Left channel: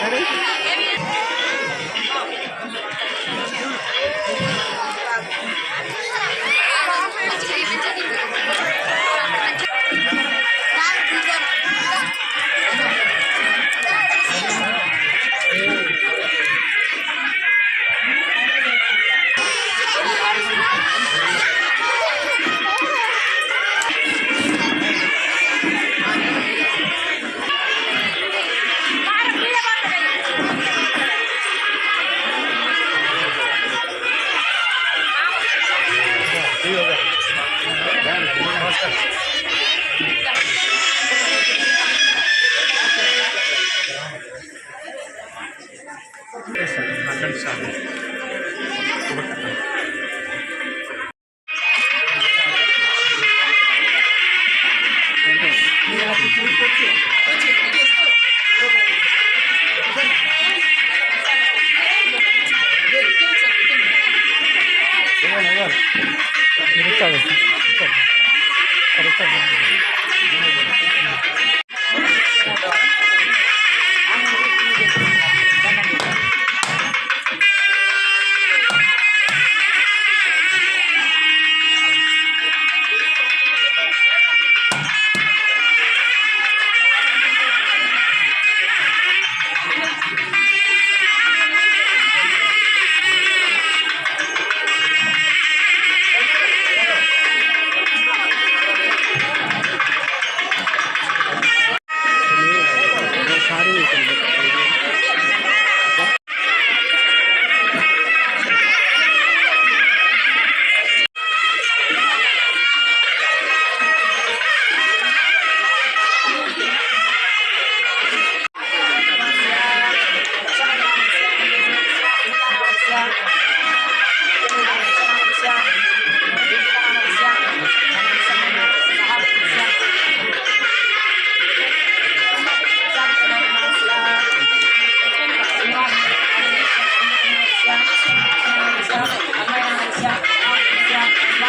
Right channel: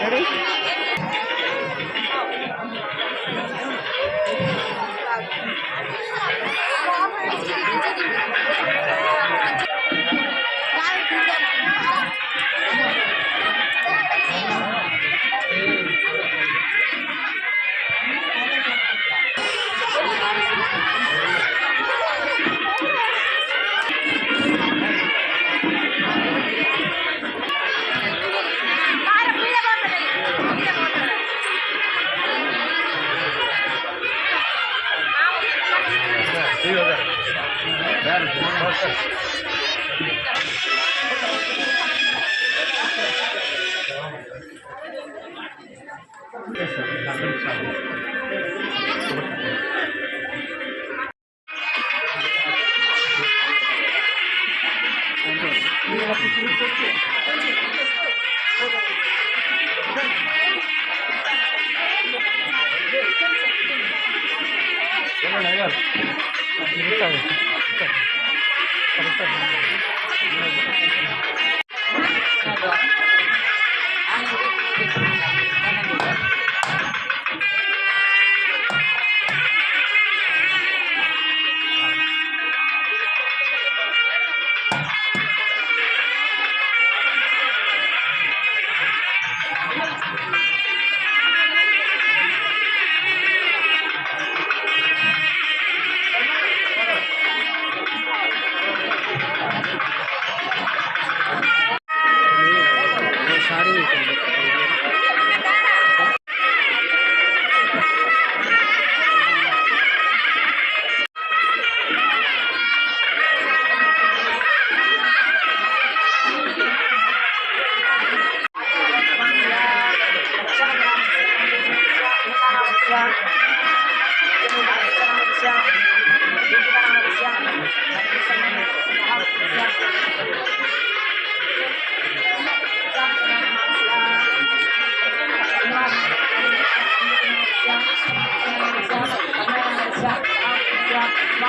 Ready? Eso, la করবেন Yeah.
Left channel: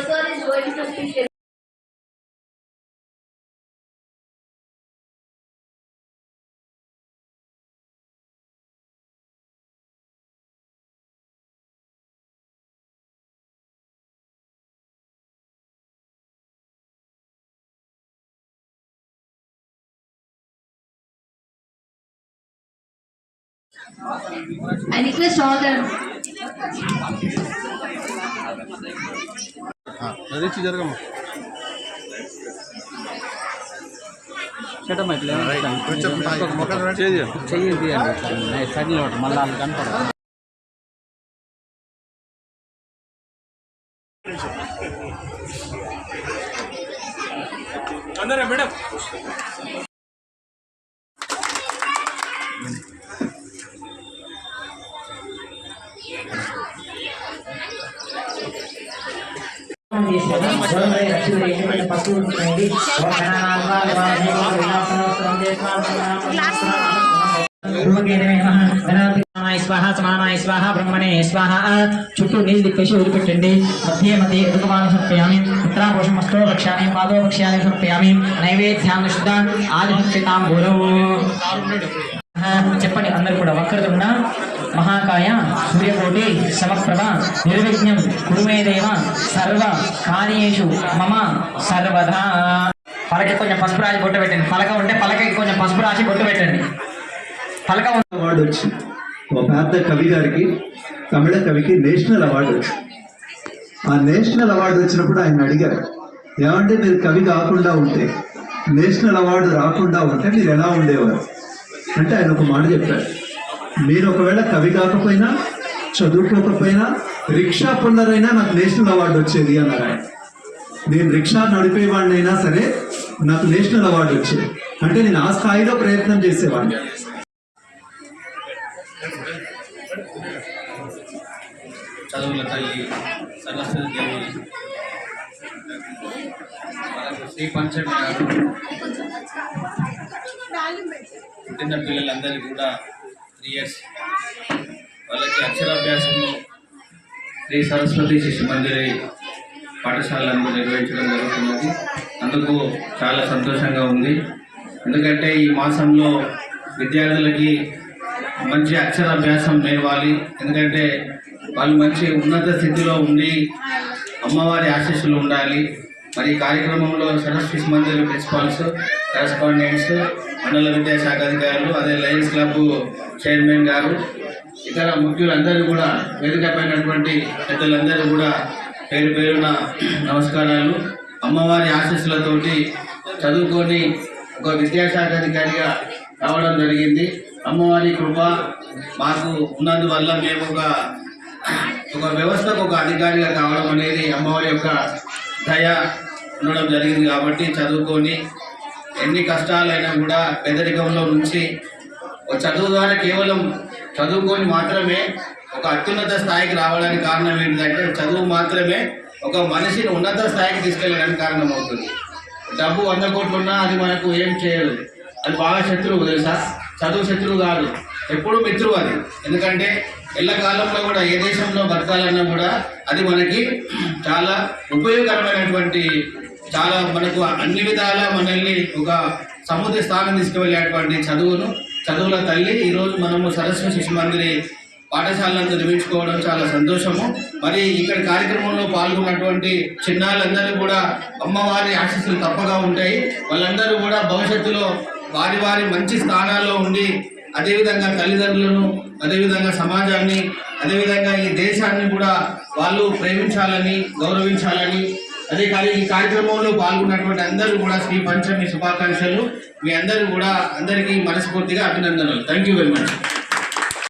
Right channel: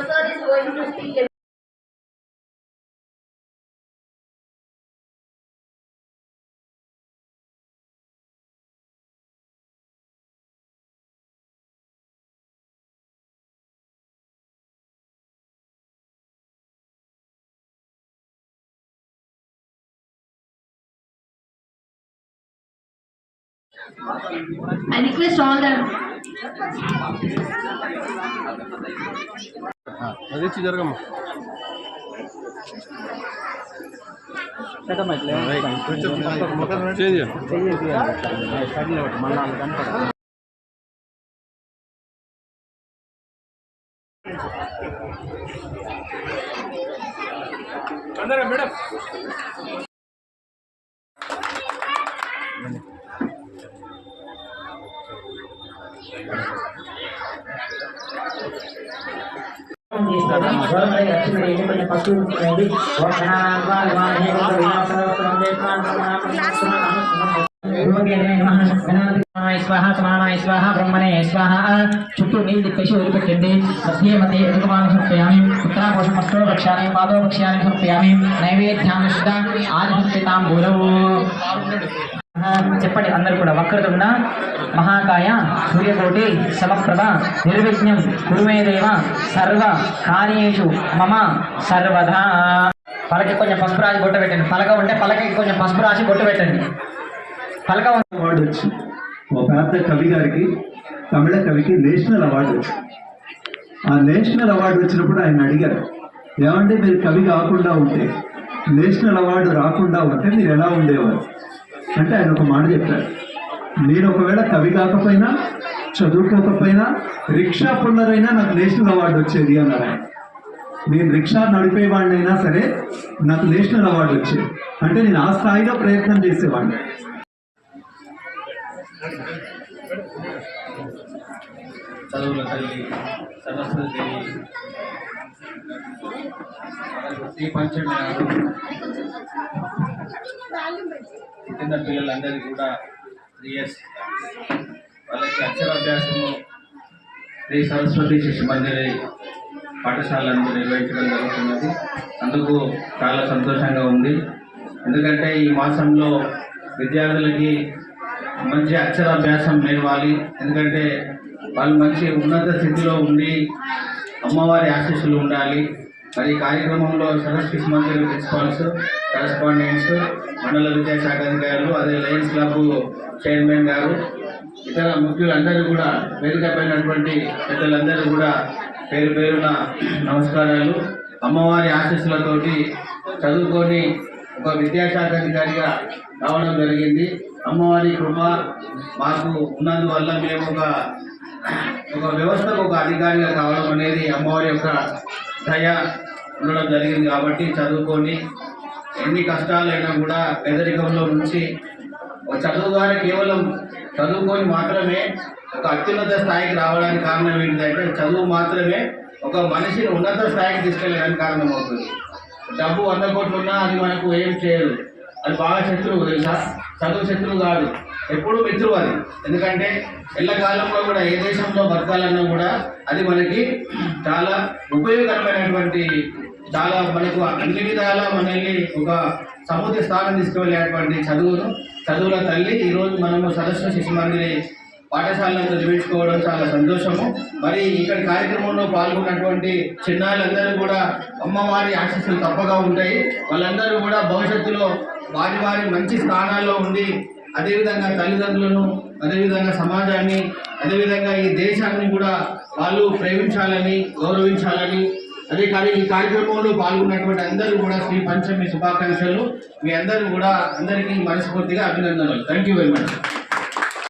Sir is going to speak. I request all the అదే జరగమ్మా. పెట్టమ్మా ఇట్లా. చెయ్యి ఇట్లా సైడ్లో మళ్ళీ ఆమె కనపడదు స్వాహ సమానాయ స్వాహ బ్రహ్మణే స్వాహ చుట్టూ నీళ్ళు తిప్పేసి వదిలిపెట్టండి. మధ్య మధ్య ఎదుగుమాన సమర్పయామి. ఉత్తరాకోశం అష్టో రక్షాన్ని పాదో రక్ష్యాన్ని సమర్పయామి. నైవేద్యాన్ని శుద్ధ ఆదిభక్తితాం గురవు చెప్పండి అందరు కూడా. వక్రతుండ మహాకాయ సూర్యకోటి సమప్రభ నిర్విఘ్నం కురుమే దేవ సర్వ కార్యేషు మమ సర్వదా పలకి కొంచెం పసుపు రాసి బొట్టు పెట్టండి. పలక ఉంటే పలకకి కొంచెం పసుపు రాసి బొట్టు పెట్టండి. పలక ఉంది అవార్డు వచ్చి ఒక పెద్ద కవి గారికి తమిళ కవికి నేషనల్ అవార్డు వచ్చి. ఆ నేషనల్ అవార్డు వచ్చినప్పుడు ఆయన అడిగారు ఏమంటే మీరు కవి కాకుండా ఉంటే నేషనల్ అవార్డు రాకుండా ఉంటే మీరు ఎలా ఉండేవారు? అంటే ఆయన ఒక మాట చెప్పారు నేను ఒకవేళ కవి కాకపోయినా చదువుకోకపోయినా రిక్షా పొందరైనా నాకు నేషనల్ అవార్డు వచ్చేది అన్నారు ఆయన. నేను రిక్షా నడిపేవాడినైనా సరే నాకు నేషనల్ అవార్డు వచ్చేది. అంటే నేను ఆ స్థాయిలో ప్రయత్నం చేసేవాడిని. చదువుల తల్లి సరస్వతి దేవి. శ్రీ పంచమి చిన్న పుట్టిన పిల్లలందరికీ కూడా త్రీ ఇయర్స్ వాళ్ళకి అక్షరాభ్యాసము శ్రీ సరస్వతి శిశు మందిరి పాఠశాలను నిర్వహించడం జరుగుతున్నది. అందుకు చాలా సంతోషంగా ఉంది. ఎందుకంటే ఈ మాసంలో విద్యార్థులకి మంచి అక్షరాభ్యాసం నేర్వాలి. ఎందుకంటే వాళ్ళు మంచి ఉన్నత స్థితిలో ఉండి అమ్మవారి ఆశీస్సులు ఉండాలి. మరి ఈ కార్యక్రమంలో సరస్వతి శిశు మందిర్ ప్రిన్సిపాల్స్ కరెస్పాండెంట్స్ మండల విద్యాశాఖ అధికారులు అదే లయన్స్ క్లబ్ చైర్మన్ గారు ఇతర ముఖ్యులందరూ కూడా వేదిక పెద్దలందరూ కూడా పేరు పేరున నమస్కారాలు. అమ్మవారి ఆశీస్సులతోటి చదువుకొని ఒక విద్యాశాఖ అధికారిగా రావడం జరిగింది. అమ్మవారి కృప మాకు ఉన్నందువల్ల మేము ఒక ఒక వ్యవస్థకు ఒక అధికారిగా కావడం అనేది అమ్మవారి యొక్క దయ ఉండడం జరిగింది కాబట్టి చదువుకొని ఎన్ని కష్టాలైనా కూడా పేదరికంలో నుంచి చదువు ద్వారా కేవలం చదువుకొని మాత్రమే ఒక అత్యున్నత స్థాయికి రావడానికి కారణం ఏంటంటే చదువు మాత్రమే ఒక మనిషిని ఉన్నత స్థాయికి తీసుకెళ్ళడానికి కారణం అవుతుంది డబ్బు వంద కోట్లు ఉన్నా అది మనకు ఏం చేయదు. అది బాగా శత్రువు తెలుసా? చదువు శత్రువు కాదు. ఎప్పుడు మిత్రువు అది. ఎందుకంటే ఎల్లకాలంలో కూడా ఏ దేశంలో బతకాలన్నా కూడా అది మనకి చాలా ఉపయోగకరమైనటువంటి చాలా మనకు అన్ని విధాల మనల్ని ఒక సముద్ర స్థానం తీసుకువెళ్ళేటువంటి చదువును చదువుల తల్లి. ఈరోజు మనము సరస్వతి శిశు మందిరి పాఠశాలను నిర్మించుకోవడం చాలా సంతోషము. మరి ఇక్కడ కార్యక్రమంలో పాల్గొన్నటువంటి చిన్నాళ్ళందరూ కూడా అమ్మవారి ఆశస్సులు తప్పగా ఉంటాయి. వాళ్ళందరూ కూడా భవిష్యత్తులో వారి వారి మంచి స్థానాల్లో ఉండి అదేవిధంగా తల్లిదండ్రులను అదేవిధంగా సమాజాన్ని అదేవిధంగా ఈ దేశాన్ని కూడా వాళ్ళు ప్రేమించాలని గౌరవించాలని అదే కానీ ఈ కార్యక్రమంలో పాల్గొన్నటువంటి అందరూ కూడా శ్రీ పంచమి శుభాకాంక్షలు. మీ అందరూ కూడా అందరికీ మనస్ఫూర్తిగా అభినందనలు. Thank you very much